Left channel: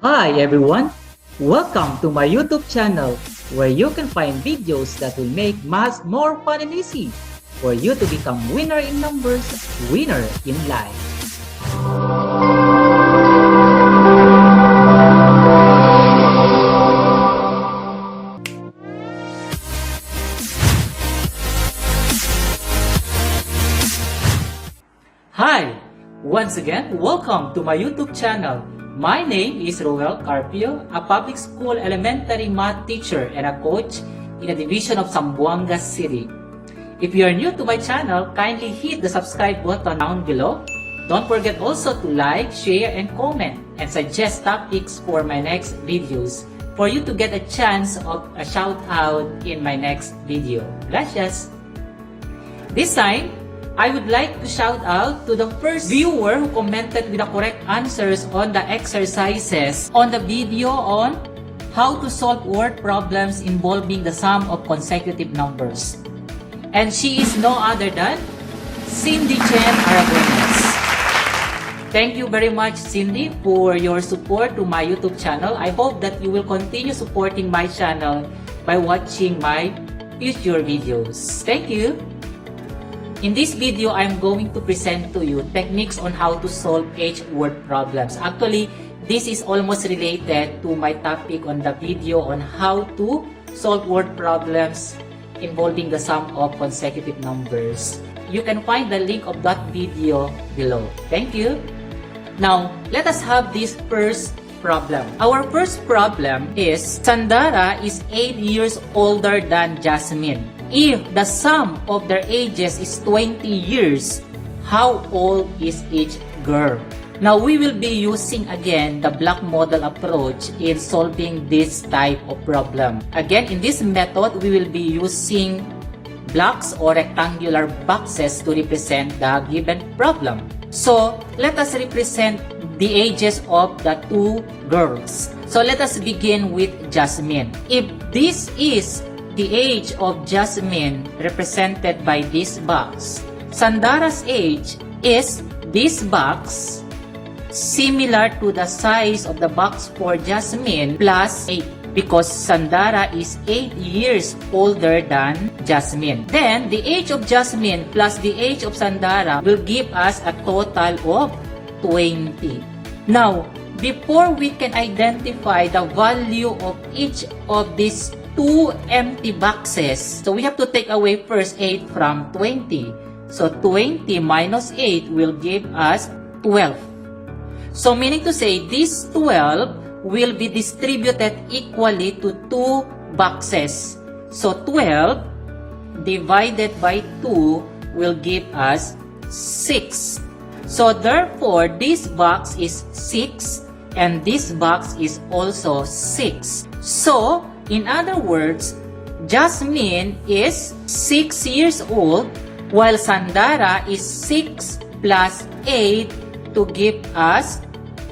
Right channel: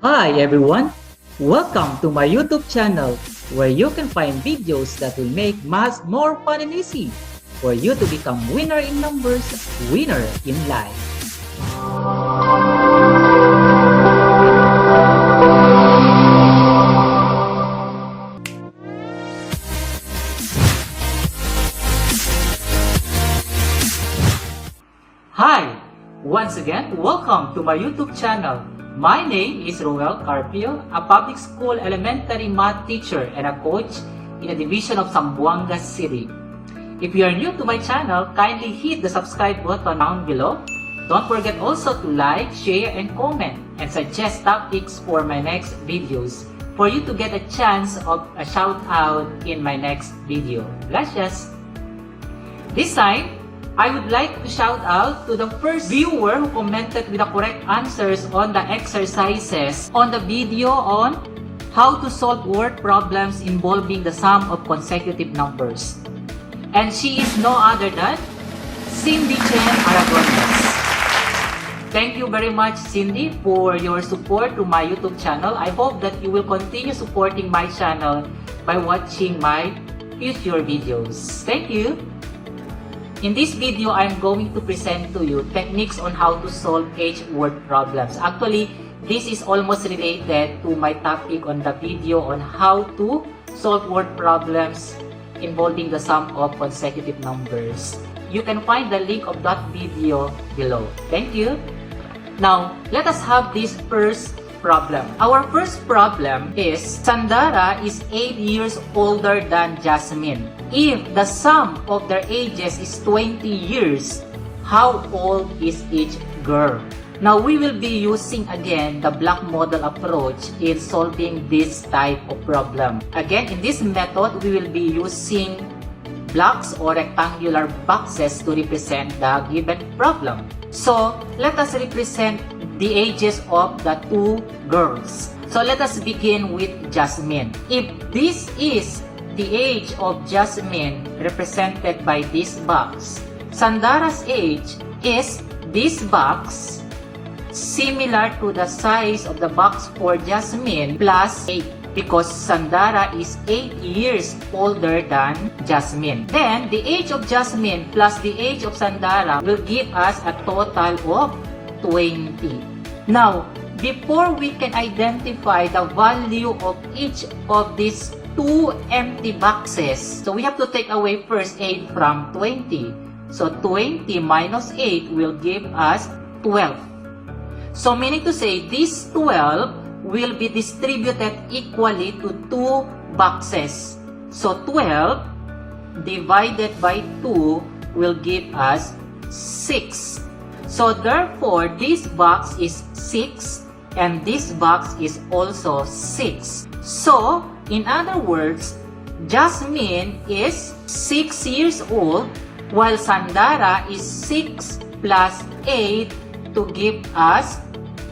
Hi everyone! Welcome to my YouTube channel where you can find videos that will make math more fun and easy for you to become winner in numbers, winner in life. Hi! Once again, welcome to my YouTube channel. My name is Roel Carpio, a public school elementary math teacher and a coach in a division of Zamboanga City. If you are new to my channel, kindly hit the subscribe button down below. Don't forget also to like, share, and comment and suggest topics for my next videos for you to get a chance of a shout out in my next video. Gracias! This time, I would like to shout out to the first viewer who commented with the correct answers on the exercises on the video on how to solve word problems involving the sum of consecutive numbers. And she is no other than Cindy Chen Aragones. Thank you very much, Cindy, for your support to my YouTube channel. I hope that you will continue supporting my channel by watching my future videos. Thank you! In this video, I'm going to present to you techniques on how to solve H-word problems. Actually, this is almost related to my topic on the video on how to solve word problems involving the sum of consecutive numbers. You can find the link of that video below. Thank you. Now, let us have this first problem. Our first problem is Sandara is 8 years older than Jasmine. If the sum of their ages is 20 years, how old is each girl? Now we will be using again the block model approach in solving this type of problem. Again, in this method, we will be using blocks or rectangular boxes to represent the given problem. So, let us represent the ages of the two girls. So, let us begin with Jasmine. If this is the age of Jasmine represented by this box, Sandara's age is this box similar to the size of the box for Jasmine plus 8 because Sandara is 8 years older than Jasmine. Then, the age of Jasmine plus the age of Sandara will give us a total of 20. Now, before we can identify the value of each of these two empty boxes, so we have to take away first 8 from 20. So, 20 minus 8 will give us 12. So, meaning to say, this 12 will be distributed equally to two boxes. So, 12 divided by 2 will give us 6. So, therefore, this box is 6 and this box is also 6. So, in other words, Jasmine is 6 years old while Sandara is 6 plus 8 to give us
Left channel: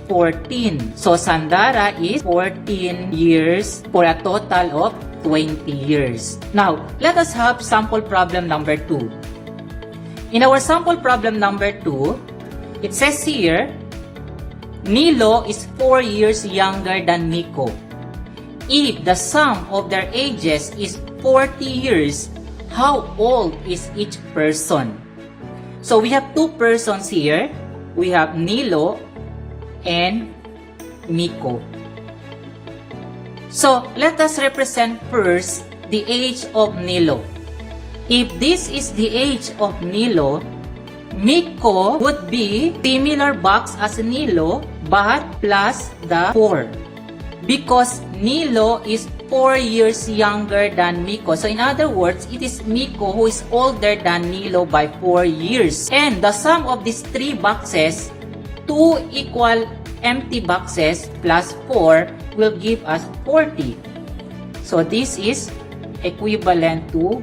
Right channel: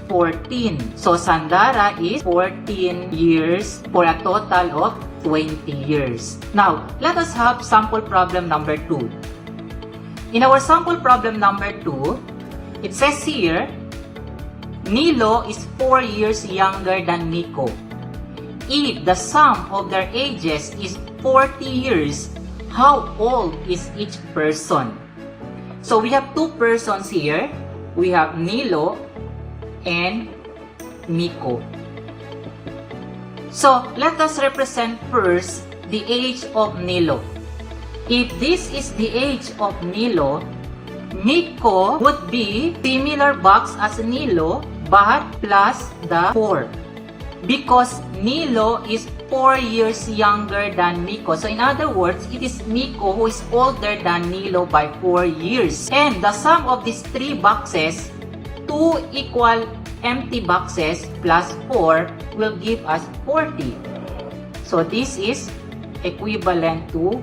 14. So, Sandara is 14 years for a total of 20 years. Now, let us have sample problem number 2. In our sample problem number 2, it says here, Nilo is 4 years younger than Nico. If the sum of their ages is 40 years, how old is each person? So, we have two persons here. We have Nilo and Nico. So, let us represent first the age of Nilo. If this is the age of Nilo, Nico would be similar box as Nilo but plus the 4. Because Nilo is 4 years younger than Nico. So, in other words, it is Nico who is older than Nilo by 4 years. And the sum of these three boxes, 2 equal empty boxes plus 4 will give us 40. So, this is equivalent to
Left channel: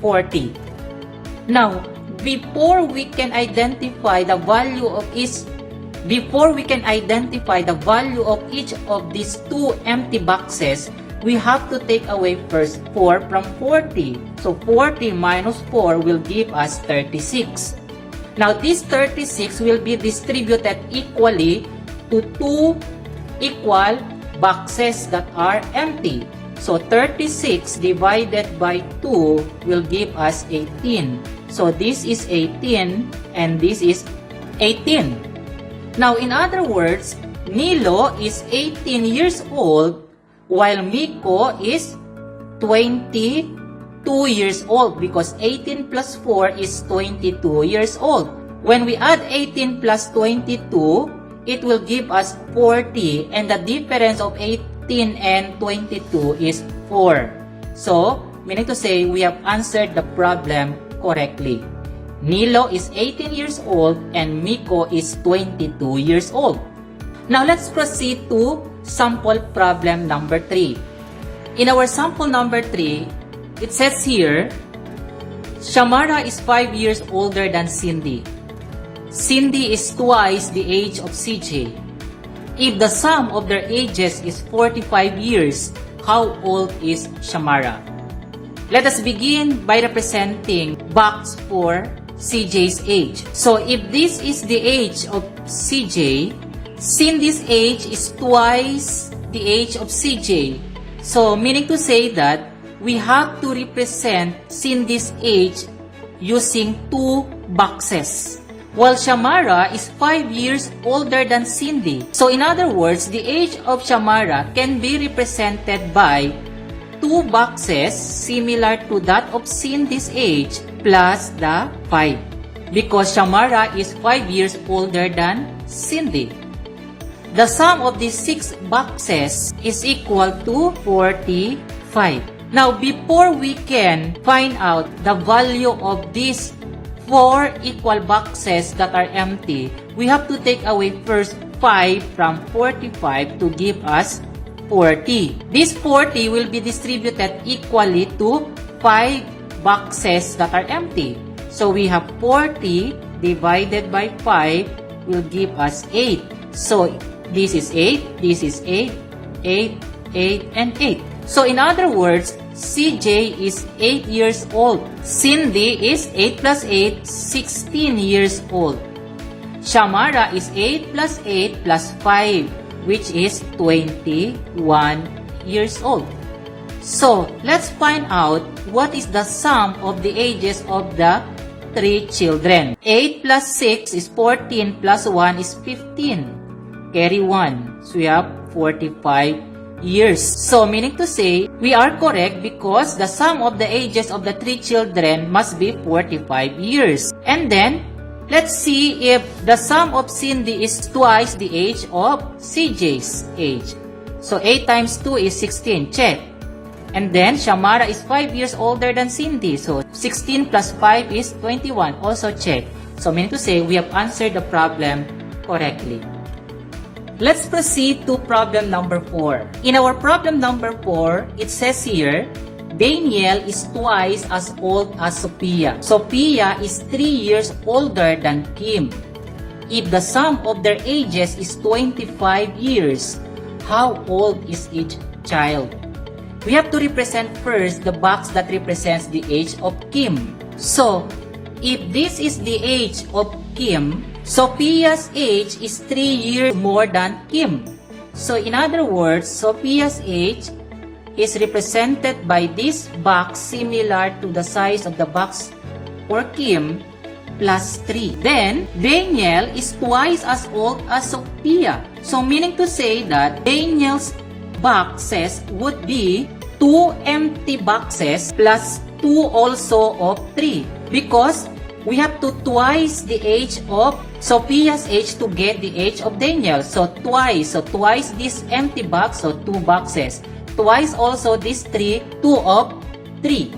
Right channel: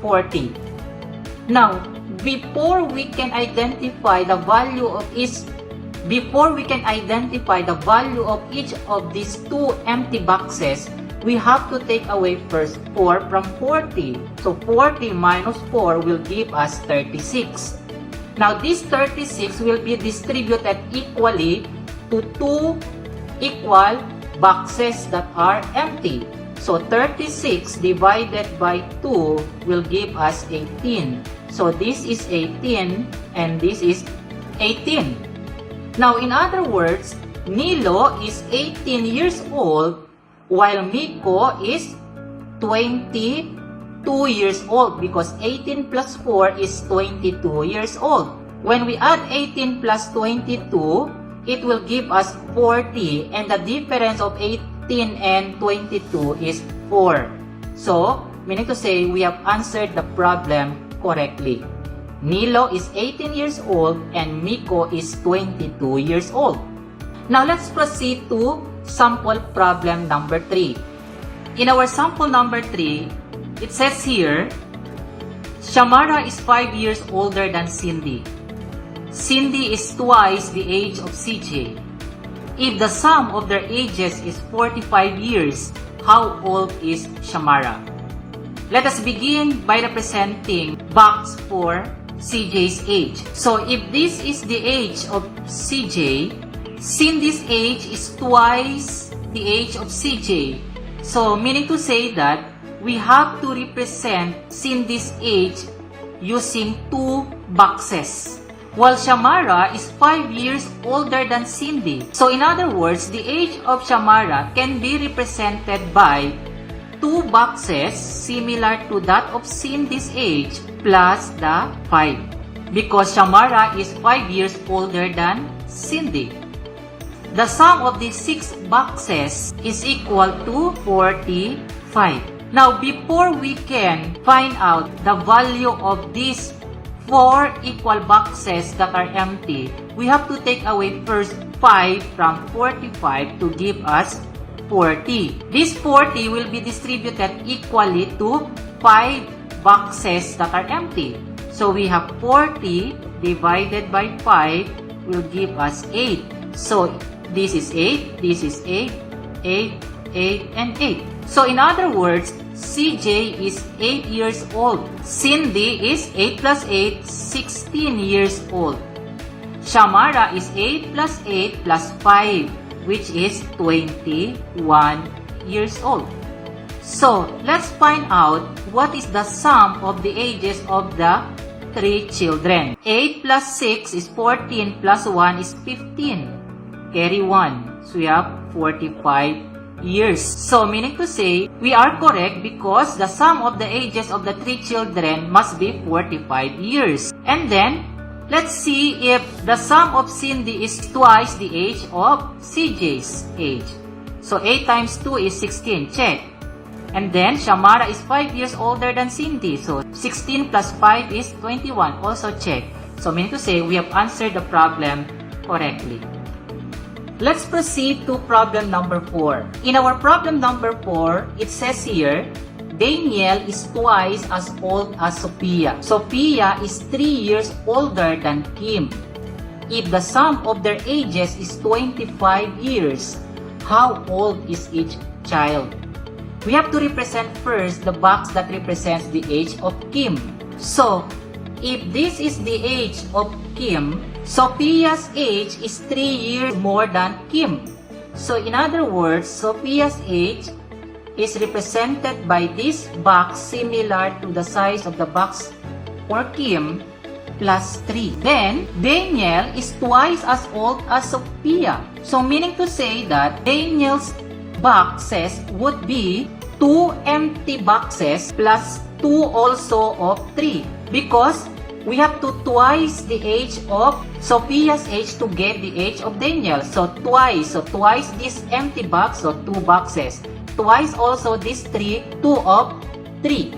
40. Now, before we can identify the value of each of these two empty boxes, we have to take away first 4 from 40. So, 40 minus 4 will give us 36. Now, this 36 will be distributed equally to two equal boxes that are empty. So 36 divided by 2 will give us 18. So this is 18 and this is 18. Now in other words, Nilo is 18 years old while Miko is 22 years old because 18 plus 4 is 22 years old. When we add 18 plus 22, it will give us 40 and the difference of 18 and 22 is 4. So, meaning to say we have answered the problem correctly. Nilo is 18 years old and Miko is 22 years old. Now, let's proceed to sample problem number 3. In our sample number 3, it says here, Shamara is 5 years older than Cindy. Cindy is twice the age of CJ. If the sum of their ages is 45 years, how old is Shamara? Let us begin by representing box for CJ's age. So if this is the age of CJ, Cindy's age is twice the age of CJ. So meaning to say that we have to represent Cindy's age using 2 boxes. While Shamara is 5 years older than Cindy. So in other words, the age of Shamara can be represented by 2 boxes similar to that of Cindy's age plus the 5. Because Shamara is 5 years older than Cindy. The sum of these 6 boxes is equal to 45. Now, before we can find out the value of these 4 equal boxes that are empty, we have to take away first 5 from 45 to give us 40. This 40 will be distributed equally to 5 boxes that are empty. So we have 40 divided by 5 will give us 8. So this is 8, this is 8, 8, 8, and 8. So in other words, CJ is 8 years old. Cindy is 8 plus 8, 16 years old. Shamara is 8 plus 8 plus 5, which is 21 years old. So, let's find out what is the sum of the ages of the 3 children. 8 plus 6 is 14 plus 1 is 15. Carry 1. So, we have 45 years. So, meaning to say, we are correct because the sum of the ages of the 3 children must be 45 years. And then, let's see if the sum of Cindy is twice the age of CJ's age. So, 8 times 2 is 16. Check. And then, Shamara is 5 years older than Cindy. So, 16 plus 5 is 21. Also check. So, meaning to say, we have answered the problem correctly. Let's proceed to problem number 4. In our problem number 4, it says here, Daniel is twice as old as Sophia. Sophia is 3 years older than Kim. If the sum of their ages is 25 years, how old is each child? We have to represent first the box that represents the age of Kim. So, if this is the age of Kim, Sophia's age is 3 years more than Kim. So, in other words, Sophia's age is represented by this box similar to the size of the box for Kim plus 3. Then, Daniel is twice as old as Sophia. So, meaning to say that Daniel's boxes would be 2 empty boxes plus 2 also of 3. Because we have to twice the age of Sophia's age to get the age of Daniel. So twice this empty box, so 2 boxes. Twice also this 3, 2 of 3.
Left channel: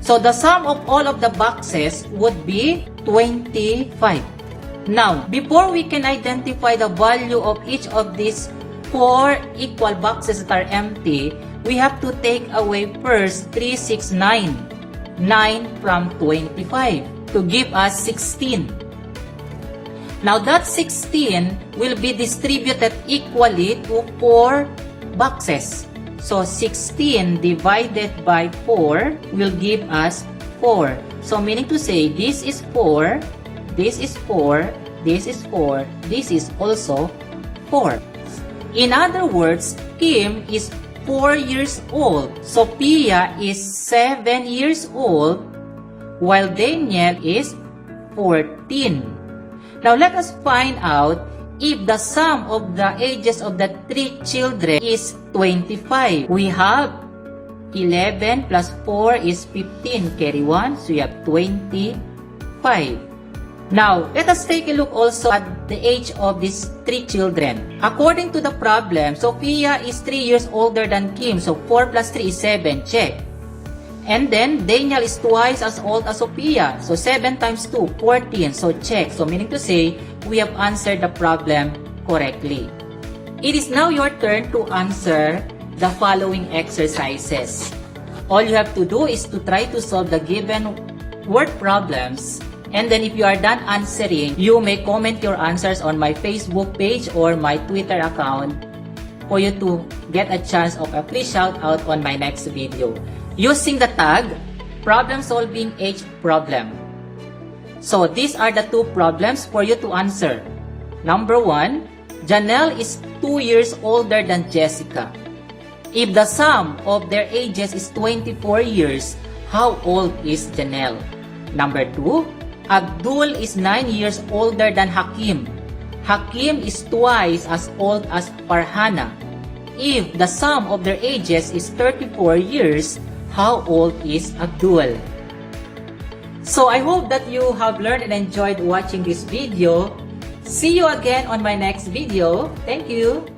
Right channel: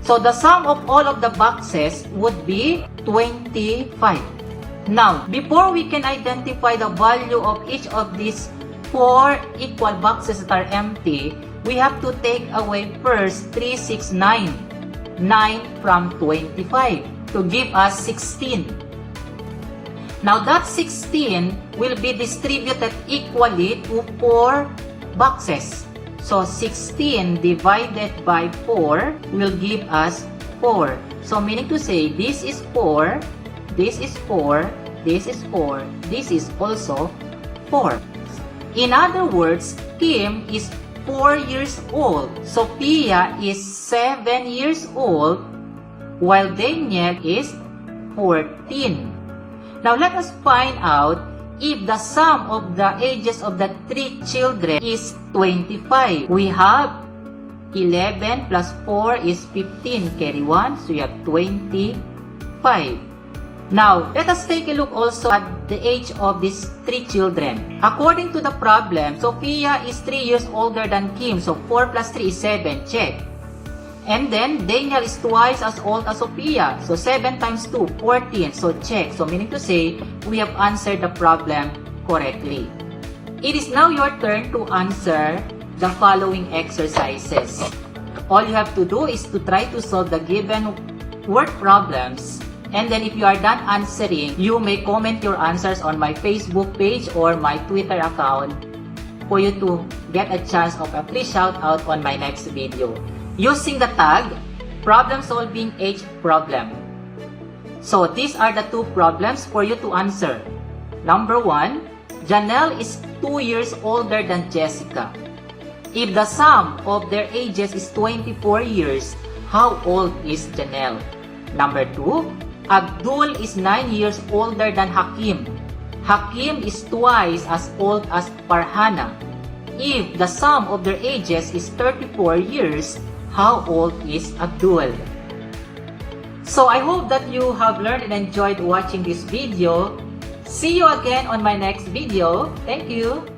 So the sum of all of the boxes would be 25. Now, before we can identify the value of each of these 4 equal boxes that are empty, we have to take away first 3, 6, 9. 9 from 25 to give us 16. Now that 16 will be distributed equally to 4 boxes. So 16 divided by 4 will give us 4. So meaning to say this is 4, this is 4, this is 4, this is also 4. In other words, Kim is 4 years old, Sophia is 7 years old, while Daniel is 14. Now let us find out if the sum of the ages of the 3 children is 25. We have 11 plus 4 is 15. Carry 1, so you have 25. Now, let us take a look also at the age of these 3 children. According to the problem, Sophia is 3 years older than Kim, so 4 plus 3 is 7. Check. And then, Daniel is twice as old as Sophia. So, 7 times 2, 14. So, check. So, meaning to say, we have answered the problem correctly. It is now your turn to answer the following exercises. All you have to do is to try to solve the given word problems. And then, if you are done answering, you may comment your answers on my Facebook page or my Twitter account for you to get a chance of a free shout out on my next video. Using the tag, problem solving age problem. So these are the 2 problems for you to answer. Number 1, Janelle is 2 years older than Jessica. If the sum of their ages is 24 years, how old is Janelle? Number 2, Abdul is 9 years older than Hakim. Hakim is twice as old as Farhana. If the sum of their ages is 34 years, how old is Abdul? So I hope that you have learned and enjoyed watching this video. See you again on my next video. Thank you.